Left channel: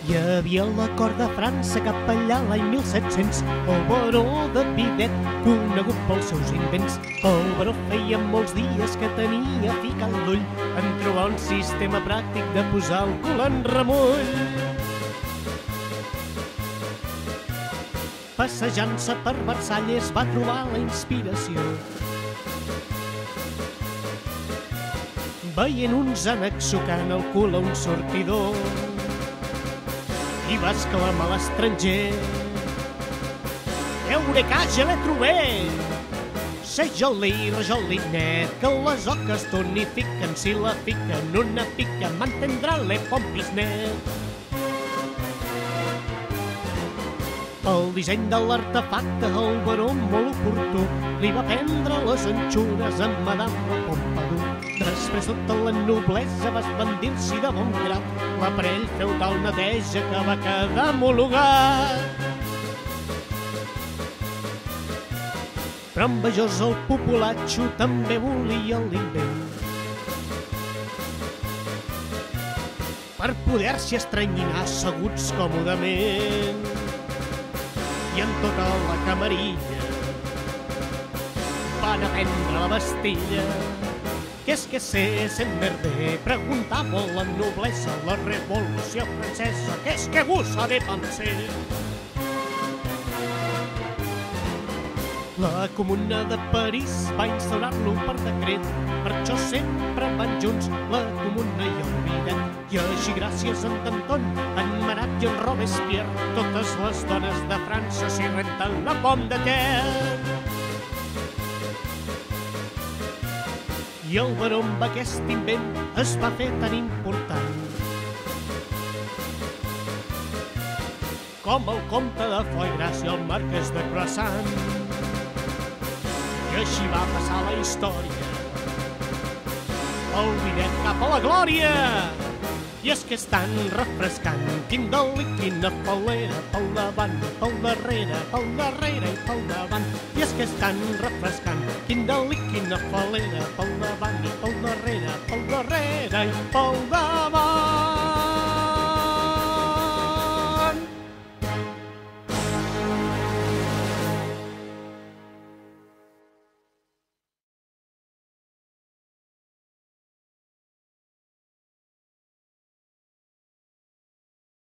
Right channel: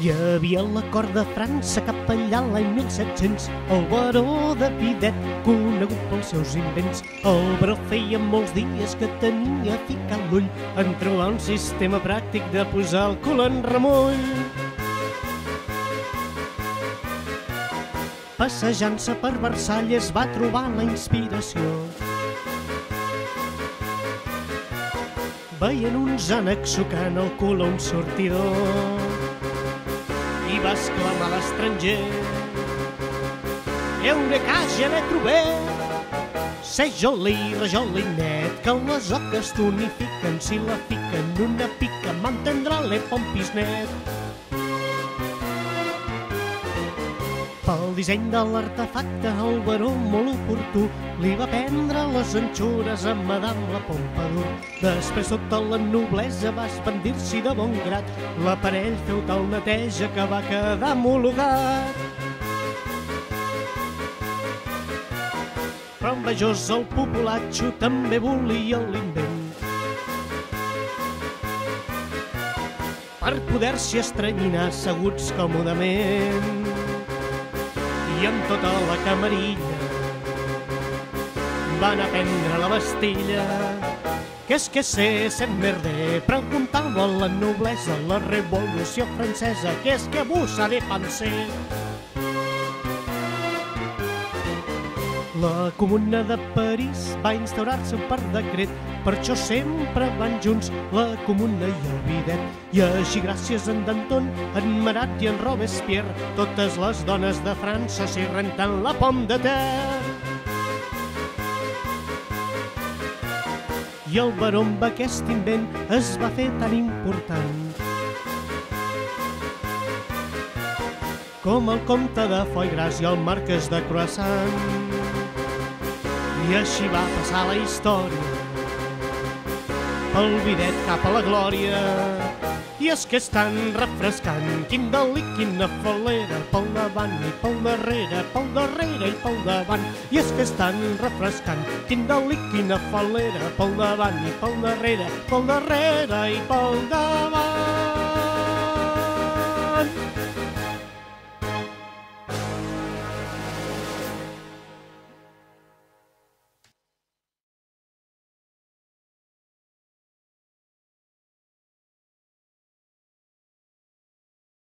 Hi havia la cort de França cap allà l'any 1700, el baró de Bidet, conegut pels seus invents. El baró feia molts dies que tenia ficat l'ull en trobar un sistema pràctic de posar el cul en remull. Passejant-se per Versalles va trobar la inspiració. Veient uns ànecs sucant el cul a un sortió i va exclamar a l'estranger: «Eué, caja, ne trobé! Sé joli, rajolinet, que les oques tonifiquen, si la fiquen una pica, mantendrà le pompisnet». Pel disseny de l'artefacte, el baró molt oportú li va vendre les anxures a Madame Pompadour. Després tota la noblesa va esbandir-s'hi de bon grat, la prenent un tal neteja que va quedar homologat. Però en majors el populatxo també volia l'invent. Per poder-s'hi estrenyinar asseguts còmodament i amb tota la camarilla van aprendre la Bastilla. Que se merde, preguntant-lo a la noblesa, la revolució francesa, que vos ha de pensar? La Comuna de París va instaurar-se un part de decret, per això sempre van junts la Comuna i el Bidet. I així gràcies a en Danton, en Marat i en Robespierre, totes les dones de França s'hi renten la pom de terra. I el baró amb aquest invent es va fer tan important com el comte de Foix Gras i el marquès de Croissant. I així va passar la història, el Bidet cap a la glòria. I és que és tan refrescant, quin delit, quina falera, pel davant i pel darrere i pel davant. I és que és tan refrescant, quin delit, quina falera, pel davant i pel darrere i pel davant.